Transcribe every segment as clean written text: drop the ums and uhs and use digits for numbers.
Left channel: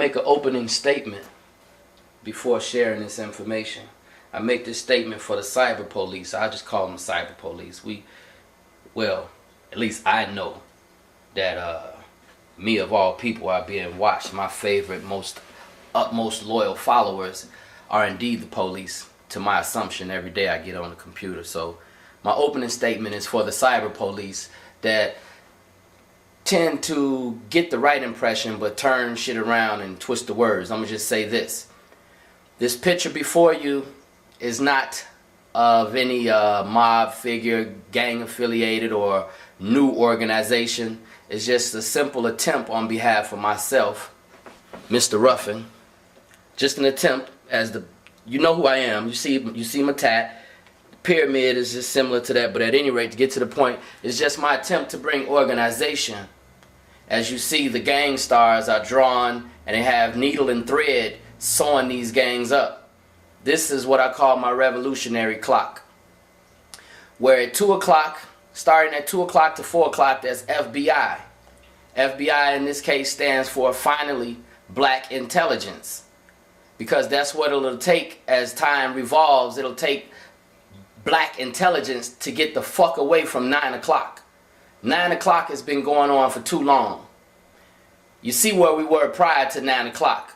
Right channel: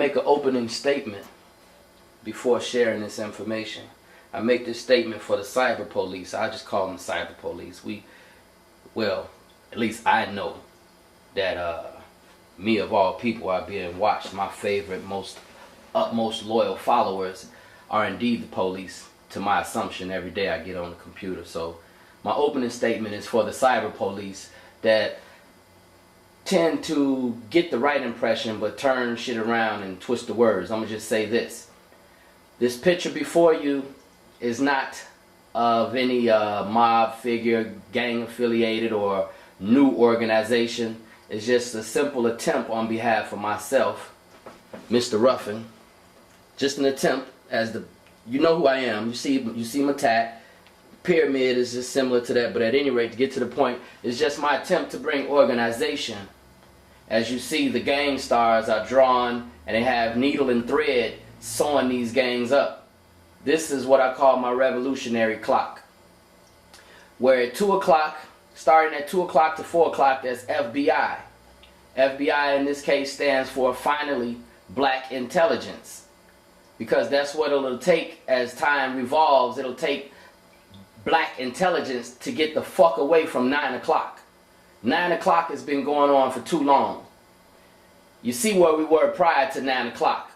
make an opening statement before sharing this information. I make this statement for the cyber police. I just call them cyber police. Well, at least I know that me of all people are being watched. My favorite, utmost loyal followers are indeed the police, to my assumption every day I get on the computer. So my opening statement is for the cyber police that tend to get the right impression but turn shit around and twist the words. I'm going to just say this. This picture before you is not of any mob figure, gang affiliated, or new organization. It's just a simple attempt on behalf of myself, Mr. Ruffin. Just an attempt, as you know who I am. You see my tat. The pyramid is just similar to that, but at any rate, to get to the point, it's just my attempt to bring organization. As you see, the gang stars are drawn, and they have needle and thread sewing these gangs up. This is what I call my revolutionary clock, where at 2 o'clock, starting at 2 o'clock to 4 o'clock, that's FBI. FBI in this case stands for finally black intelligence, because that's what it'll take as time revolves. It'll take black intelligence to get the fuck away from 9 o'clock. 9 o'clock has been going on for too long. You see where we were prior to 9 o'clock.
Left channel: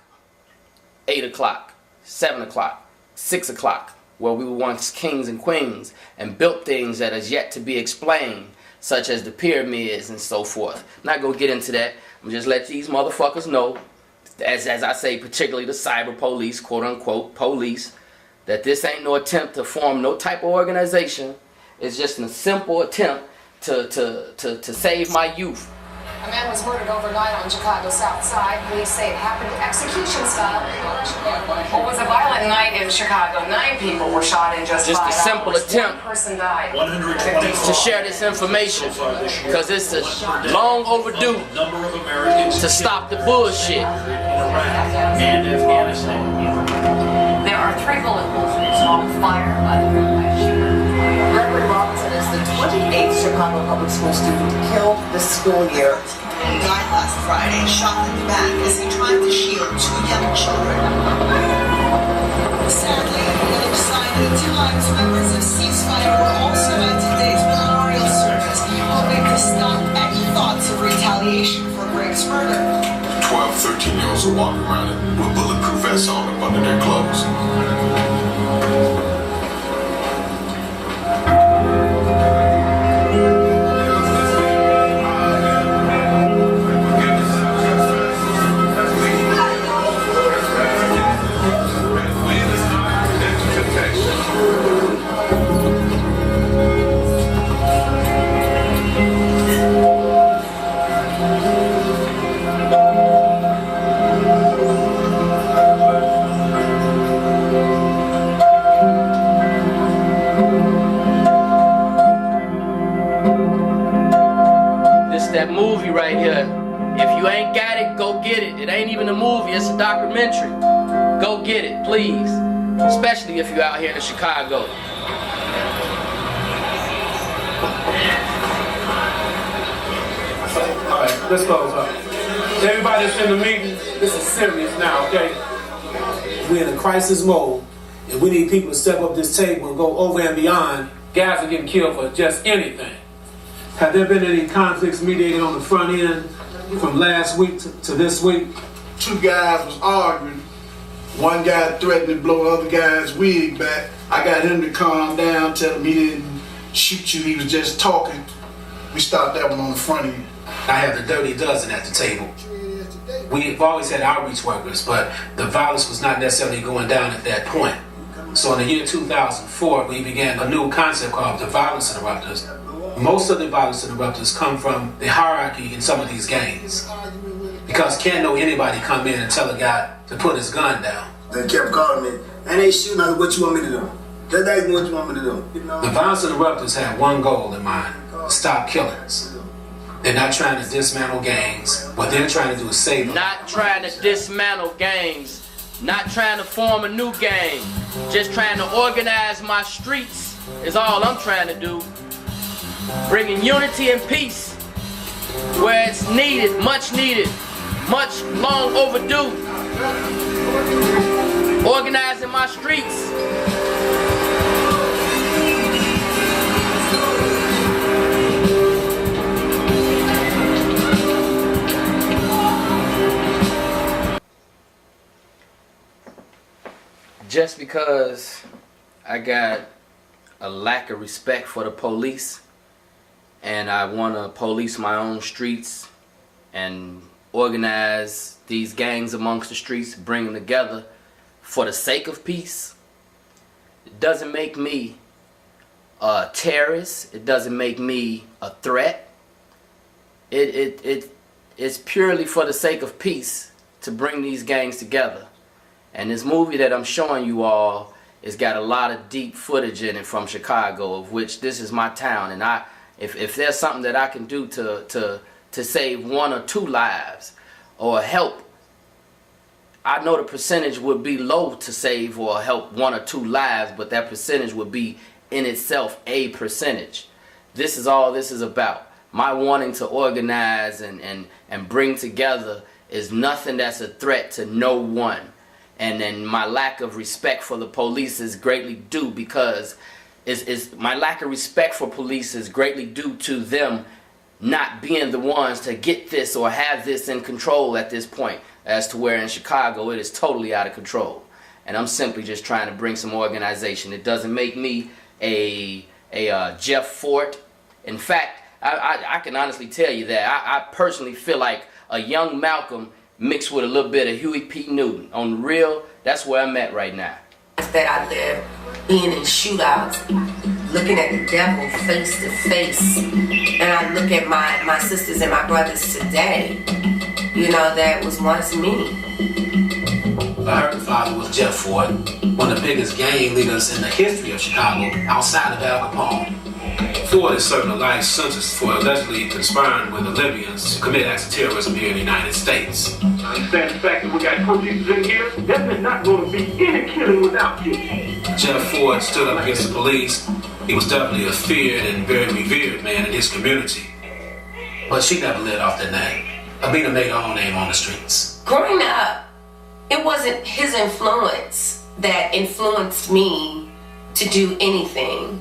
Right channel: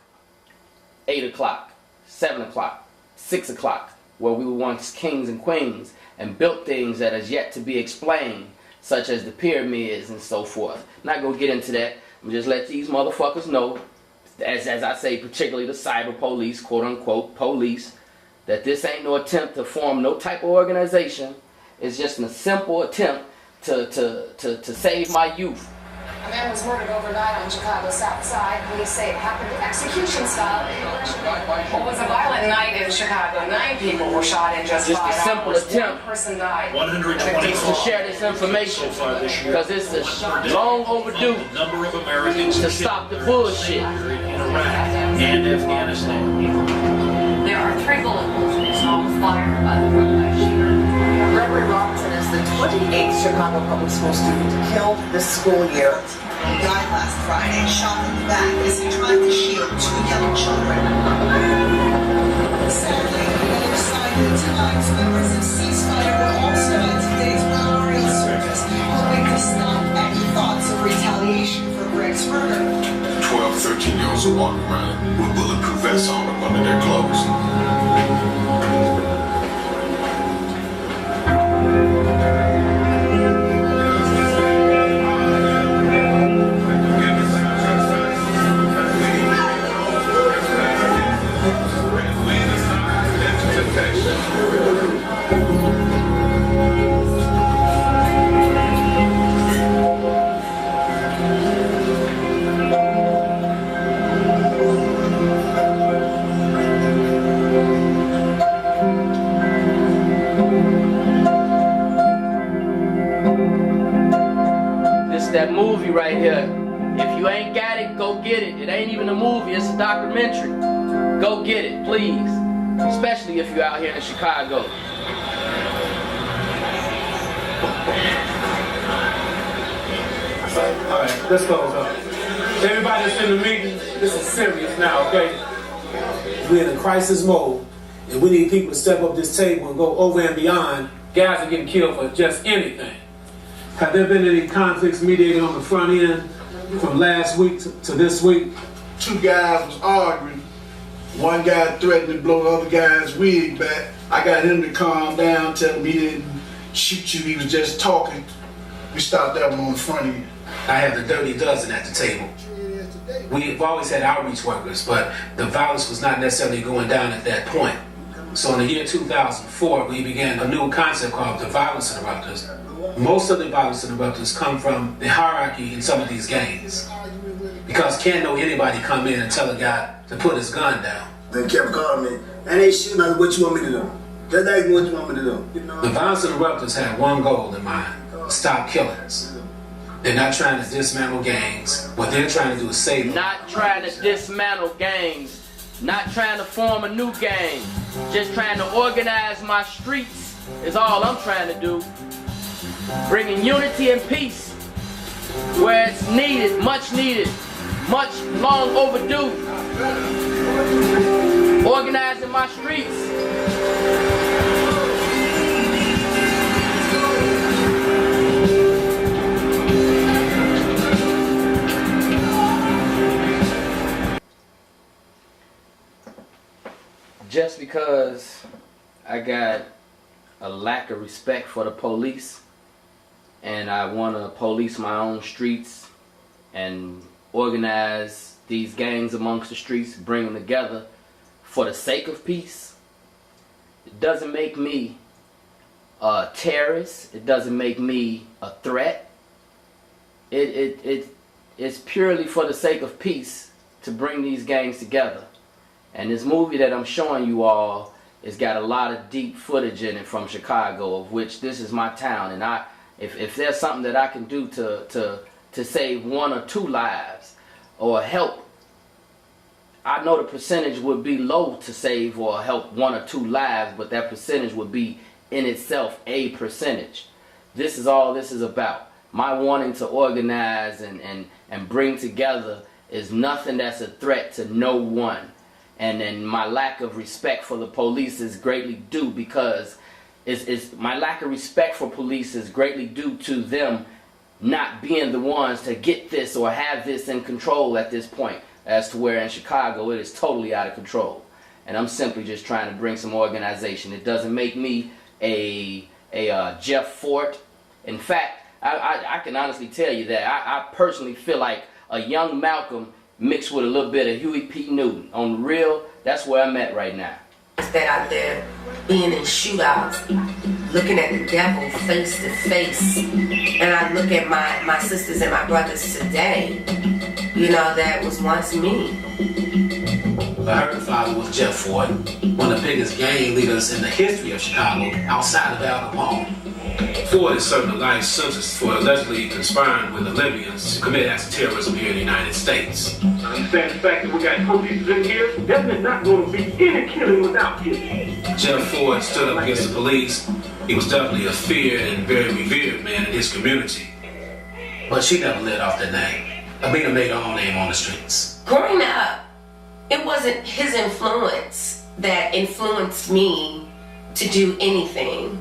8 o'clock, 7 o'clock, 6 o'clock, where we were once kings and queens and built things that is yet to be explained, such as the pyramids and so forth. Not gonna get into that. I'm just let these motherfuckers know, as I say, particularly the cyber police, quote unquote police, that this ain't no attempt to form no type of organization. It's just a simple attempt to save my youth. A man was murdered overnight on Chicago's South Side. Police say it happened execution style. It was a violent night in Chicago. 9 people were shot in just 5 hours. Just a simple attempt. 1 person died. To share this information, because it's long overdue to stop the bullshit. And Afghanistan. There are 3 bullet holes in his home fired by the room shooter. Gregory Robinson is the 28th Chicago public school student killed this school year. He died last Friday, shot in the back as he tried to shield 2 young children. Sadly, on the other side of the Times, members of ceasefire were also at today's memorial service, hoping to stop any thoughts of retaliation for Greg's murder. 12, 13-year-olds are walking around with bulletproof vests on up under their clothes. That movie right here. If you ain't got it, go get it. It ain't even a movie, it's a documentary. Go get it, please. Especially if you're out here in Chicago. Alright, let's close up. Everybody that's in the meeting, this is serious now, okay? We're in a crisis mode, and we need people to step up this table and go over and beyond. Guys are getting killed for just anything. Have there been any conflicts mediated on the front end from last week to this week? 2 guys was arguing. One guy threatened to blow the other guy's wig back. I got him to calm down, tell him he didn't shoot you, he was just talking. We stopped that one on the front end. I have the dirty dozen at the table. We've always had outreach workers, but the violence was not necessarily going down at that point. So in the year 2004, we began a new concept called the violence interrupters. Most of the violence interrupters come from the hierarchy in some of these gangs. Because can't know anybody come in and tell a guy to put his gun down. They kept calling me, and they shooting at what you want me to do. Just ask me what you want me to do. You know? The violence interrupters have one goal in mind: stop killings. They're not trying to dismantle gangs. What they're trying to do is save them. Not trying to dismantle gangs. Not trying to form a new gang. Just trying to organize my streets is all I'm trying to do. Bringing unity and peace where it's needed, much needed. much long overdue. Organizing my streets. Just because I got a lack of respect for the police and I want to police my own streets and organize these gangs amongst the streets, bring them together for the sake of peace, it doesn't make me a terrorist. It doesn't make me a threat. It's purely for the sake of peace to bring these gangs together. And this movie that I'm showing you all has got a lot of deep footage in it from Chicago, of which this is my town. And if there's something that I can do to save 1 or 2 lives or help, I know the percentage would be low to save or help 1 or 2 lives, but that percentage would be in itself a percentage. This is all this is about. My wanting to organize and bring together is nothing that's a threat to no one. And then my lack of respect for the police is greatly due because my lack of respect for police is greatly due to them not being the ones to get this or have this in control at this point, as to where in Chicago it is totally out of control. And I'm simply just trying to bring some organization. It doesn't make me a Jeff Fort. In fact, I can honestly tell you that I personally feel like a young Malcolm mixed with a little bit of Huey P. Newton. On the real, that's where I'm at right now. That I live being in shootouts, looking at the devil face to face, and I look at my sisters and my brothers today, you know, that was once me. I heard the father was Jeff Ford, one of the biggest gang leaders in the history of Chicago, outside of Al Capone. Ford is serving a life sentence for allegedly conspiring with the Libyans to commit acts of terrorism here in the United States. I understand the fact that we got police in here. There's not going to be any killing without killing. Jeff Ford stood up against the police. He was definitely a feared and very revered man in his community. But she never let off the name. Amina made her own name on the streets. Growing up, it wasn't his influence that influenced me to do anything.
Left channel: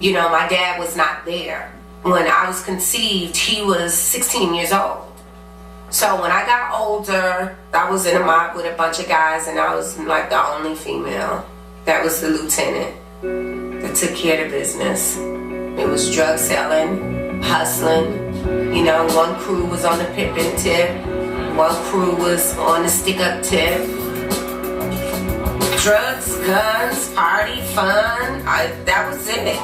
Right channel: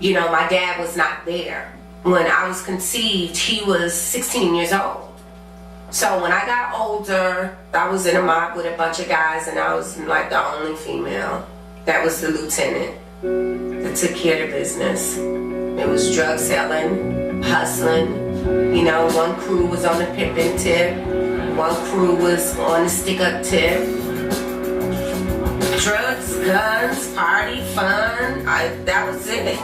You know, my dad was not there. When I was conceived, he was 16 years old. So when I got older, I was in a mob with a bunch of guys, and I was like the only female. That was the lieutenant that took care of the business. It was drug selling, hustling. You know, one crew was on the pippin tip, one crew was on the stick-up tip. Drugs, guns, party, fun, that was it.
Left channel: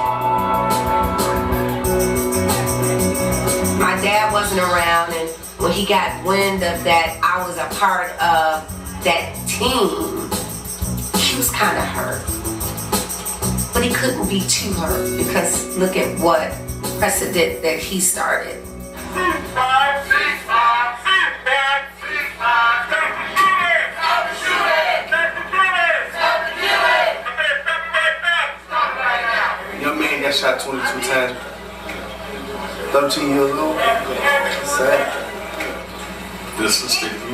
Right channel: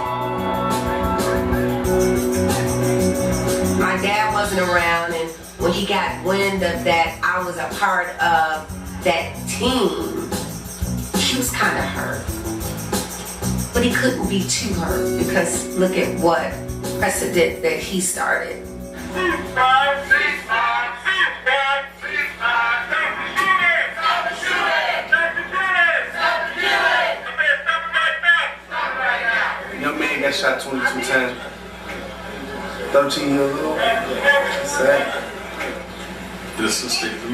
My dad wasn't around, and when he got wind of that I was a part of that team, he was kind of hurt. But he couldn't be too hurt because look at what precedent that he started. Young man got shot 22 times. 13 years old. Sad. This is Steve.